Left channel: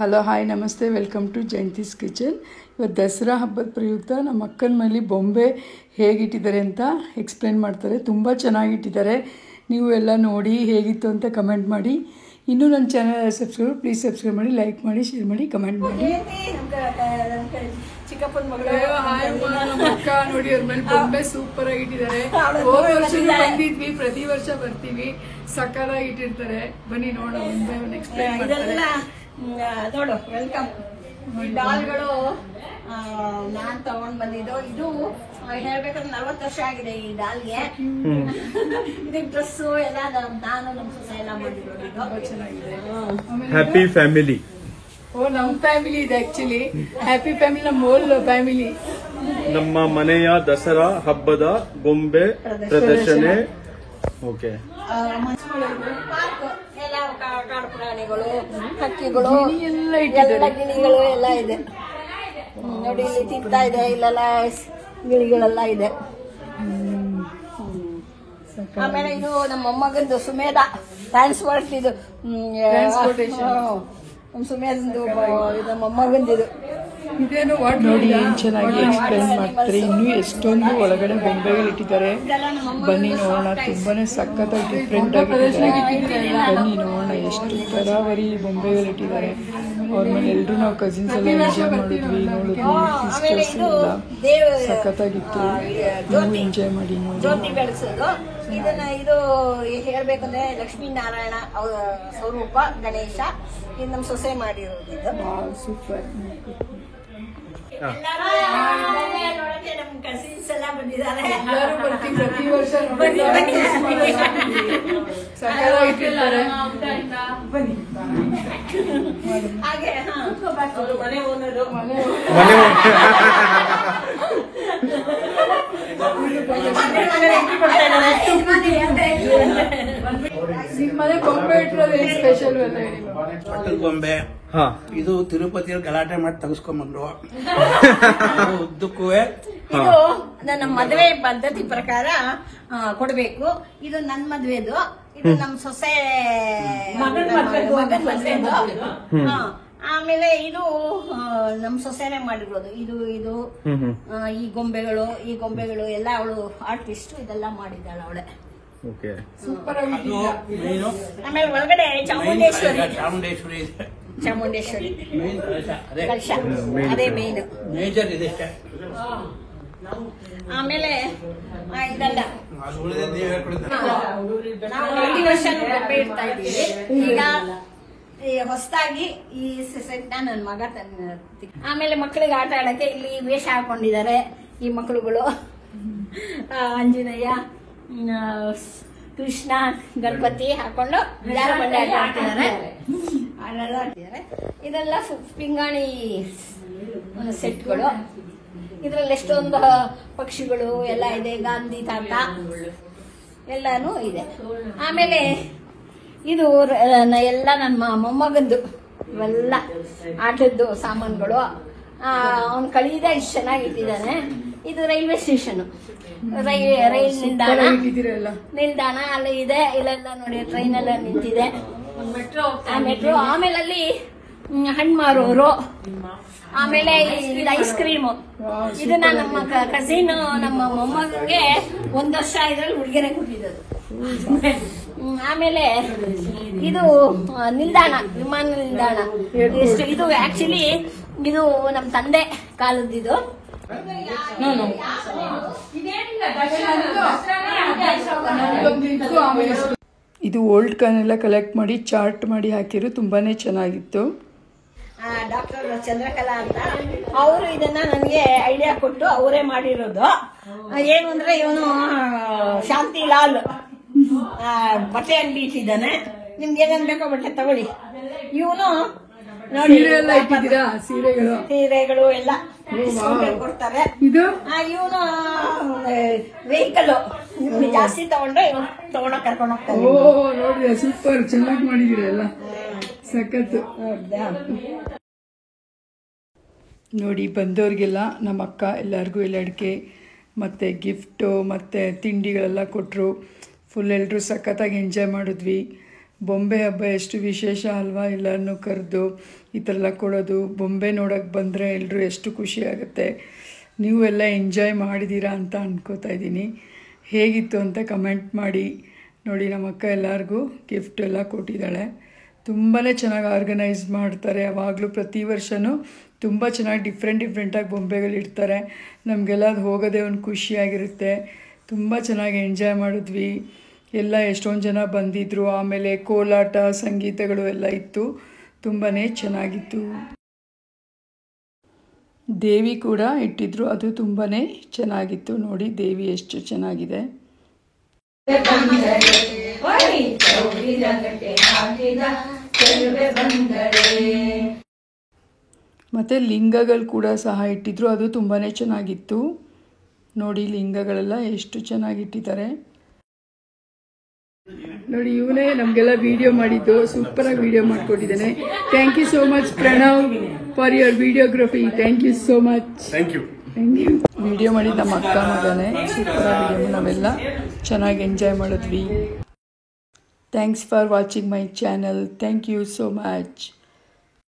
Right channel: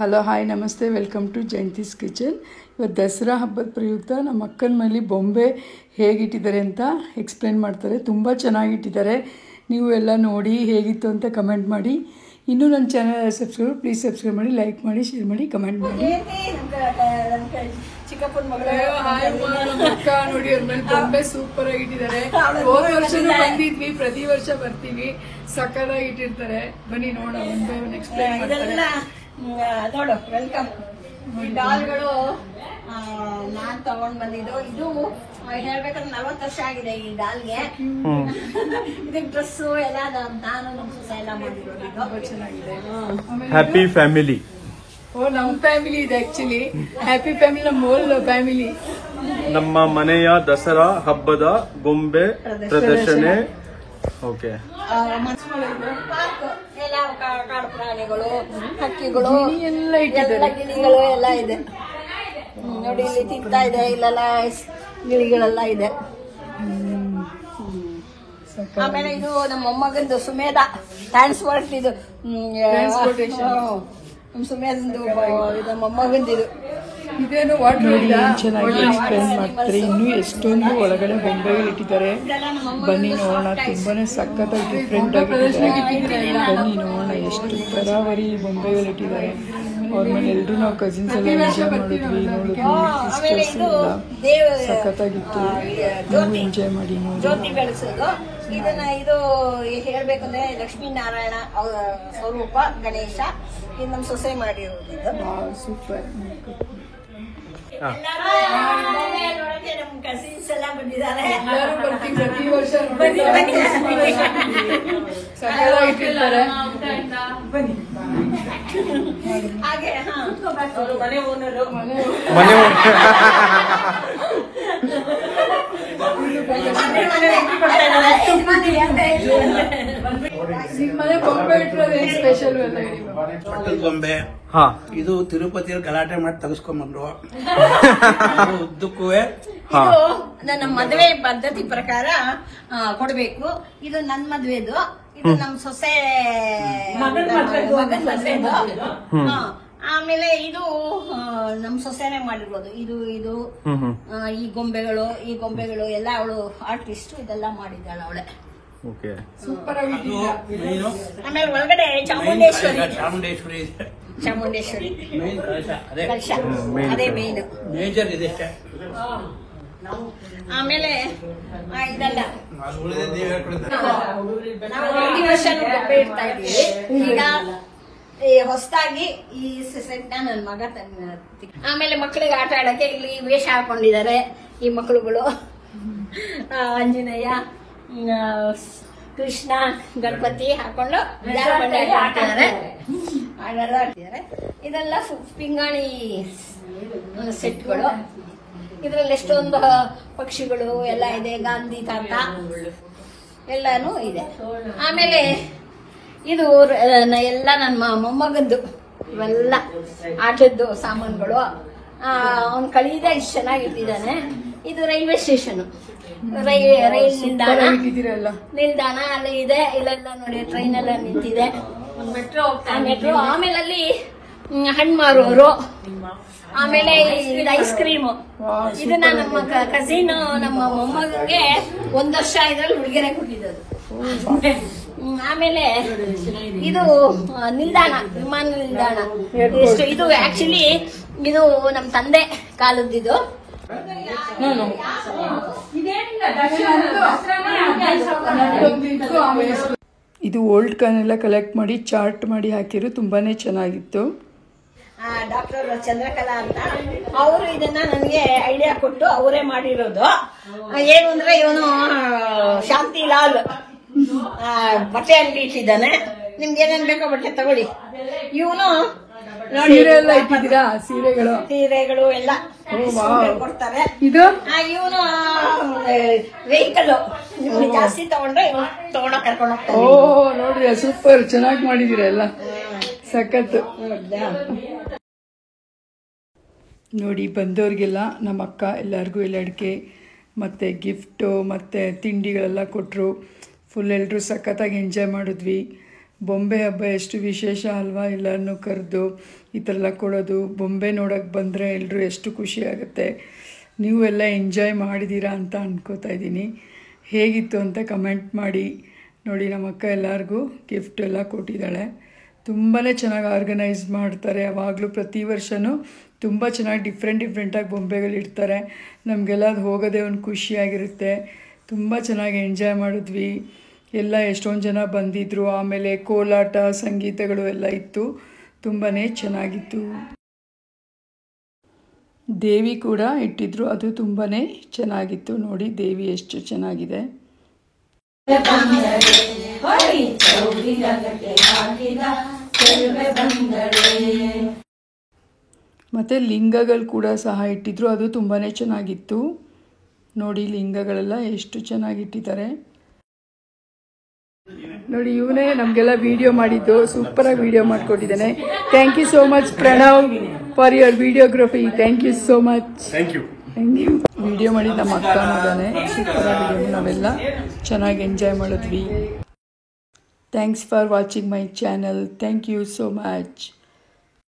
Hello hi ನಮಸ್ತೆ, welcome to Jayanthi's kitchen. ಇವತ್ತು ದಸರಾ ಹಬ್ಬದ ಪ್ರಯುಕ್ತ ನಮ್ಮ ಅಕ್ಕನ ಮನೇಲಿ ಬೊಂಬೆ ಹೇಗಿಟ್ಟಿದ್ದಾರೆ ಅಂತ ಎಕ್ಸ್ಪ್ಲೇನ್ ಮಾಡ್ತಾರೆ. ತುಂಬ ಚೆನ್ನಾಗಿಟ್ಟಿದ್ದಾರೆ. ನೀವು ಎಲ್ಲ ನೋಡಿ ಹೇಗಿತ್ತು ಅಂತ ಕಮೆಂಟ್ ಮಾಡಿ. ಇನ್ನೂ ನನ್ನ ಚಾನಲ್ ಪ್ಲೀಸ್ ಸಬ್ಸ್ಕ್ರೈಬ್ ಮಾಡಿ, ಲೈಕ್ ಮಾಡಿ, ಶೇರ್ ಮಾಡಿ, ಕಮೆಂಟ್ ಮಾಡಿ. ಅಕ್ಕ ನೋಡಿ ಅವ್ರ ಮೇಲೆ ಬೊಂಬೆ ಸೂಪರ್ ಆಗಿಟ್ಟಿದ್ದಾರೆ. ಬಂದಿದ್ವಿ, ಪ್ರತಿ ವರ್ಷ ಬರ್ತೀವಿ, ಸಕ್ಕತ್ತಾಗಿ ಇಟ್ಟಿರ್ತಾರೆ. ಬನ್ನಿ ನೋಡೋಣ, ಬೊಂಬೆ ಎಕ್ಸ್ಪ್ಲೇನ್ ಮಾಡ್ತಾರೆ. ನೋಡು, ವೆಲ್ಕಮ್. ಈ ಡಾಲ್ಗಳು ನಾನ್ ತಗೊಂಡ್ ಬಂದಿದ್ದು. ಇದು ಹೇಳ್ಬೇಕಾದ್ರೆ 40 ವರ್ಷ ಆಗಿದೆ ಈ ಡಾಲ್ಗೆ. ಇದಕ್ಕೆ ಡ್ರೆಸ್ ಎಲ್ಲ ನಾನು ನಮ್ಮ ಸೊಸೆ ಎಲ್ಲ ಮಾಡಿರೋದು. Happy family. ನಮ್ಮ ಫ್ಯಾಮಿಲಿ ಇದೆ ಆಕ್ಚುಲಿ. ಹ್ಯಾಪಿ ಫ್ಯಾಮಿಲಿ ನಮ್ಮ ಹೋಲ್ ಫ್ಯಾಮಿಲಿ. ನಮ್ಮ ಮನೆಯ ದಸರಾ ಹಬ್ಬದ ಗೊಂಬೆ ಪ್ರದರ್ಶನ. ಓಕೆ, ಎಲ್ಲ ಕಾಡು ಪ್ರಾಣಿಗಳು, ಹಕ್ಕಿಗಳು ಎಲ್ಲ ಇಟ್ಟಿದ್ದಾರೆ. ಗಿಳಿಗಳು ಎಲ್ಲ ಇದೆ ನೋಡಿ. ಇಲ್ಲಿ ತಿಂತಾ ಇದೆ, ಇಲ್ಲೆಲ್ಲ ಗಿಳಿಗಳೆಲ್ಲ ಇದೆ. ಆಮೇಲೆ ಇದು ನಮ್ಮ ಮೊಮ್ಮಗಂದು ಸುಮೇಧ ಟ್ರಾನ್ಸ್ಪೋರ್ಟ್, ಇದು ಸುಮೇಧಂದು ಇದು ಮೊಮ್ಮಗಂದಿದು. ಇದೇನು ನೋಡಿ ಏನು ಚೆನ್ನಾಗಿ ಎಕ್ಸ್ಪ್ಲೇನ್ ಮಾಡ್ತಾರೆ. ಇನ್ನೂ ಎಷ್ಟೊಂದು ಒಳಗಡೆ ಬೊಂಬೆಗಳಿಟ್ಟಿದ್ದಾರೆ. ಬನ್ನಿ ನೋಡೋಣ. ತುಂಬಾನೇ ಸಖತ್ತಾಗಿ ಡಿಫ್ರೆಂಟ್ ಆಗಿಟ್ಟಿದ್ದಾರೆ. ಬನ್ನಿ ನೋಡೋಣ ಎಷ್ಟು ತರಾವರಿ ಬೊಂಬೆಗಳಿಟ್ಟಿದ್ದಾರೆ. ಅವ್ರ ಮೇಲೆ ಎಲ್ಲರೂ ನಾವು ಕಸಿನ್ಸ್ ಎಲ್ಲ ಎಂಜಾಯ್ ಮಾಡಿದ್ವಿ, ನೋಡಿದ್ವಿ. ಸಿಸ್ಟರ್ಸ್ ಎಲ್ಲ ಸಖತ್ತಾಗಿತ್ತು. ನೀವು ಎಂಜಾಯ್ ಮಾಡಿ ನೋಡಿ. ಇದನ್ನ ಇದು ಹೇಳ್ಬೇಕಂದ್ರೆ ಲಕ್ಷ್ಮೀನಾರಾಯಣ ಸ್ವರೂಪ ಗಣೇಶ. ಇದು ನಮ್ಮ ಸೊಸೆ ಮಾಡಿರೋದು. ಸೂಪರ್. ನಮ್ಮ ಕಸಿನ್ಸ್ ಎಲ್ಲ ಬಂದಿದ್ದಾರೆ. ಪ್ರತಿ ವರ್ಷ ಸಖತ್ತಾಗಿಟ್ಟಿರ್ತಾರೆ. ಹಾಗೆ ಮನೆ ಓನರು ನಿಮ್ಮನೆ ಗೊಂಬೆ ಇಟ್ಟಿರೋದು ಏನು ಸ್ಪೆಷಲ್ ಎಲ್ಲ ಹೇಳಿ. ಗೊಂಬೆ ಇದು ತಿರುಪತಿಯಲ್ಲಿ ಗಲಾಟೆ ಮಾಡಿ ತೆಗೆಸ್ಕೊಂಡ್ಬಂದ್ರು. ಉದ್ದಕ್ಕೂ ನನ್ನ ಮದುವೆ ಪದ್ಧತಿ ಪ್ರಕಾರ ಕೊಡ್ಬೇಕು. ಇದು ನನ್ನ ಮದ್ವೆದು, ಇದು ನಮ್ಮ ಸೊಸೆ ಆಮೇಲೆ ಇದು ನಮ್ ಸೊಸೆನೆ ಮಾಡಿರೋದು. ಇದು ಈ ಗೊಂಬೆಗಳು ಎಲ್ಲ ಅವಳು ಆರ್ಟಿಸ್ಟ್. ಇದೆಲ್ಲ ಮಾಡಿದ್ದಾಳೆ ಅವಳೆ. ಸೂಪರ್ ಆಗಿಟ್ಟಿಲ್ಲ. ಆಮೇಲೆ ಒಳಗಡೆ ಚಾಮುಂಡೇಶ್ವರಿ ಕಲಶ, ಅದೇ ಮೇನ್ ಮೇಜರ್ ಇದೆ. ಆಮೇಲೆ ಇದೆಲ್ಲ ನಾವು 20 ವರ್ಷ ಗೊಂಬೆ ಇಡ್ತಾ ಇದ್ವಿ. ಈಗ ಹೊಸದಾಗಿ ಈ ಸೆಟ್ ನನ್ನ ಮಗ ತಂದ. ಆಮೇಲೆ ಮಕ್ಕಳಿಗೆ ಆಟ ಆಡಕ್ಕೆ ಇಲ್ಲಿ ವೇಷ ಹಾಕೊಂಡಿದ್ದಾರೆ ಈ ಮಕ್ಕಳುಗಳು. ಆಂಜನೇಯ, ಕೃಷ್ಣ, ಗಣಪತಿ ಹಾಕೊಂಡು ಆಡ್ತಿದ್ದಾರೆ. ಇದೆಲ್ಲ ಪಿಂಗಾಣಿ ಸೆಟ್ಗಳು. ಇದ್ರಲ್ಲಿ ಎಷ್ಟೊಂದು ಪಕ್ಷಿಗಳು ಎಲ್ಲ ಇದೆ. ಗಾಂಧಿ ತಾತ ಎಲ್ಲಾನು ಇದೆ. ಆಮೇಲೆ ಇದು ಎಲ್ಲ ನನ್ನ ಮೊಮ್ಮಗಂದು ಇವೆಲ್ಲ ಆಟದ್ದು ಸಾಮಾನುಗಳು. ಅವ್ನು ಕಳೀದೆ ಇಷ್ಟು ಚೆನ್ನಾಗಿಟ್ಟಿದ್ದಾನೆ. ಇದು ರೈಲ್ವೆ ಸ್ಟೇಷನ್, ರೈಲ್ ನಿಲ್ದಾಣ ಅಲ್ಲಿ ಇದೆ. ಇಲ್ಲೆಲ್ಲ ನೋಡಿ ಟ್ರೈನ್ ಎಲ್ಲ ನಿಂತಿದೆ, ಮೆಟ್ರೋ. ಆಮೇಲೆ ಅಲ್ಲಿ ಹಣ್ಣು ಮಾರುವವರು. ಆಮೇಲೆ ಇದು ಐಸ್ ಕ್ರೀಮ್. ಇದನ್ನ ನಮ್ಮ ಕಸಿನ್ ನಮ್ಮ ಮೊಮ್ಮಗನಿಗೆ 1 ವರ್ಷ ಇದ್ರಲ್ಲಿ ಹುಡುಗಿಯರೆ ಕೊಟ್ಟಿದ್ದು. ಆಮೇಲೆ ಇದು ನಿಲ್ದಾಣ, ವಿಮಾನ ನಿಲ್ದಾಣ. ಇದು ಆಕ್ಚುಲಿ ಇದು ನಮ್ಮ ತಂದೆ ಕಾಲದ್ದು. ಇದು ಓಲ್ಡ್ ಕಾನೆಲ್ಲ ಕಲೆಕ್ಟ್ ಮಾಡಿ ಚಾರ್ಟ್ ಮಾಡಿ ಹಾಕಿರು. ತುಂಬಾನೇ ಚೆನ್ನಾಗಿತ್ತು. ಡಾಕ್ಟರ್ ಚಂದ್ರಕಲಾ ಅಂತ ಅವರು ಇದನ್ನ ನನಗೆ ಐಡಿಯಾ ಕೊಟ್ಟು ಅವರೇ ಮಾಡಿರೋದು. ಏನು ಅಂದ್ರೆ ಇವನು ಶಾಂತಿಲಾಲ್ ಬಟ್ಟೆ ಅಂಗಡಿ ಇಟ್ಟಿದ್ದಾನೆ. ನಿಮ್ಗೆ ಏನೇನ್ ಬೇಕೋ ಬಟ್ಟೆ ತಗೊಳ್ಳಿ. ಇವನು ಸೀರೆ ಎಲ್ಲ ಇಟ್ಟಿದ್ದೀರಾ? ಸೀರೆಗಳು ಎಲ್ಲ ಕೊಡ್ತಾರೆ. ಇದು ಇವನು ವೆಹಿಕಲ್ ನಿಮ್ಗೆ ಜಾಸ್ತಿ ತಗೊಂಡ್ರೆ ತಗೊಂಡೋಗಿ ಕರ್ಕೊಂಡು ಹೋಗ್ತಾರೆ. ಓ ನೋಡಿದ್ರೆ ಸೂಪರ್ ಚೆನ್ನಾಗಿ ಮಾಡಿದೀರ ಎಲ್ಲ. ಸಖತ್ತು ನೋಡಿ. ಬಂದವ್ರಿಗೆಲ್ಲ ನಮ್ಮ ಅಕ್ಕ ಎಲ್ಲರಿಗೂ ಎಲ್ಲಡಿಕೆ ಮತ್ತು ಗಿಫ್ಟು ಮತ್ತು ತಿಂಡಿಗಳೆಲ್ಲ ಕೊಟ್ಟರು. ಫುಲ್ ಎಲ್ಲರೂ ಸಖತ್ತಾಗಿ ಎಂಜಾಯ್ ಮಾಡಿದ್ವಿ. ಬೊಂಬೆ ಹಬ್ಬ ಎಷ್ಟು ವಿಶೇಷ ಅಲ್ವಾ, ಎಲ್ಲರನ್ನೂ ಕರೆದು ಈ ಥರ ಎಲ್ಲ ಕೊಡೋದು. ಬೊಂಬೆ ನೋಡೋಕ್ಕೆ ಬಂದರೆ ಎಲ್ಲರೂ ಎಷ್ಟು ಖುಷಿ ಆಗುತ್ತೆ. ನೀವು ಎಲ್ಲ ಎಂಜಾಯ್ ಮಾಡಿದ್ದೀರಾ ಅಂತ ಅನ್ಕೋತಾ ಇದ್ದೀನಿ. ಹೇಗಿತ್ತು ಅಂತ ಕಮೆಂಟ್ ಮಾಡಿ. ನೋಡಿ ನಮ್ಮ ಅಕ್ಕ ಎಲ್ಲರಿಗೂ ಗಿಫ್ಟ್ ಎಲ್ಲ ಕೊಟ್ಟಿದ್ದಾಳೆ. ತುಂಬಾ ಚೆನ್ನಾಗಿ ಆರ್ಗನೈಸ್ ಮಾಡ್ತಾರೆ. ಯಾವಾಗಲೂ ಪ್ರತಿ ವರ್ಷವೂ ತುಂಬ ಚೆನ್ನಾಗಿ ಡಿಫ್ರೆಂಟಾಗಿ ಬೊಂಬೆಗಳಿರ್ತಾರೆ. ನಮಗೆಲ್ಲ ಅದು ಹೋಗೋದೇ ಒಂದು ಖುಷಿಯಾಗಿರುತ್ತೆ. ತುಂಬ ಚೆನ್ನಾಗಿ ಎಂಜಾಯ್ ಮಾಡಿದ್ವಿ. ಎಲ್ಲ ಎಷ್ಟೊಂದು ಜನ ಬಂದಿದ್ದರು. ಆಮೇಲೆ ಕೋಲಾಟ, ಸಂಗೀತಗಳು ಎಲ್ಲ ಇತ್ತು. ತುಂಬಾ ಚೆನ್ನಾಗಿತ್ತು. ದೇವಿ ಕೂಡ ಇಟ್ಟಿದ್ರು, ಅದು ತುಂಬಾ ಚೆನ್ನಾಗಿತ್ತು. ನೋಡಿ ದೇವಿ ಎಷ್ಟು ಚೆನ್ನಾಗಿದೆ. ಮತ್ತು ಲಿಂಗಗಳು ಕೂಡ ಸಹ ಇಟ್ಟಿದ್ರು, ಅದು ತುಂಬಾ ಚೆನ್ನಾಗಿತ್ತು. ನೋಡಿ ಲಿಂಗಗಳೆಲ್ಲ ಎಷ್ಟು ಚೆನ್ನಾಗಿಟ್ಟಿದ್ದಾರೆ. ನೋಡಿ ಇವನೇ ನಮಗೆಲ್ಲ ವಿಡಿಯೋ ಮಾಡಿದ್ದು, ಸೂಪರಾಗಿ ವಿಡಿಯೋ ಮಾಡಿಕೊಟ್ಟಿದ್ದಾನೆ. Thank you so much Pranav for your videography. Thank you so much. Thank you. Video ಮಾಡಿದ ನಮ್ಮ ಅಕ್ಕ ಮಗನೇ. ಸೂಪರಾಗಿ ವಿಡಿಯೋ ನಾವೆಲ್ಲ ಚೆನ್ನಾಗಿ ಎಂಜಾಯ್ ಮಾಡಿದ್ವಿ. Thanks for watching my channel. Thank you so much.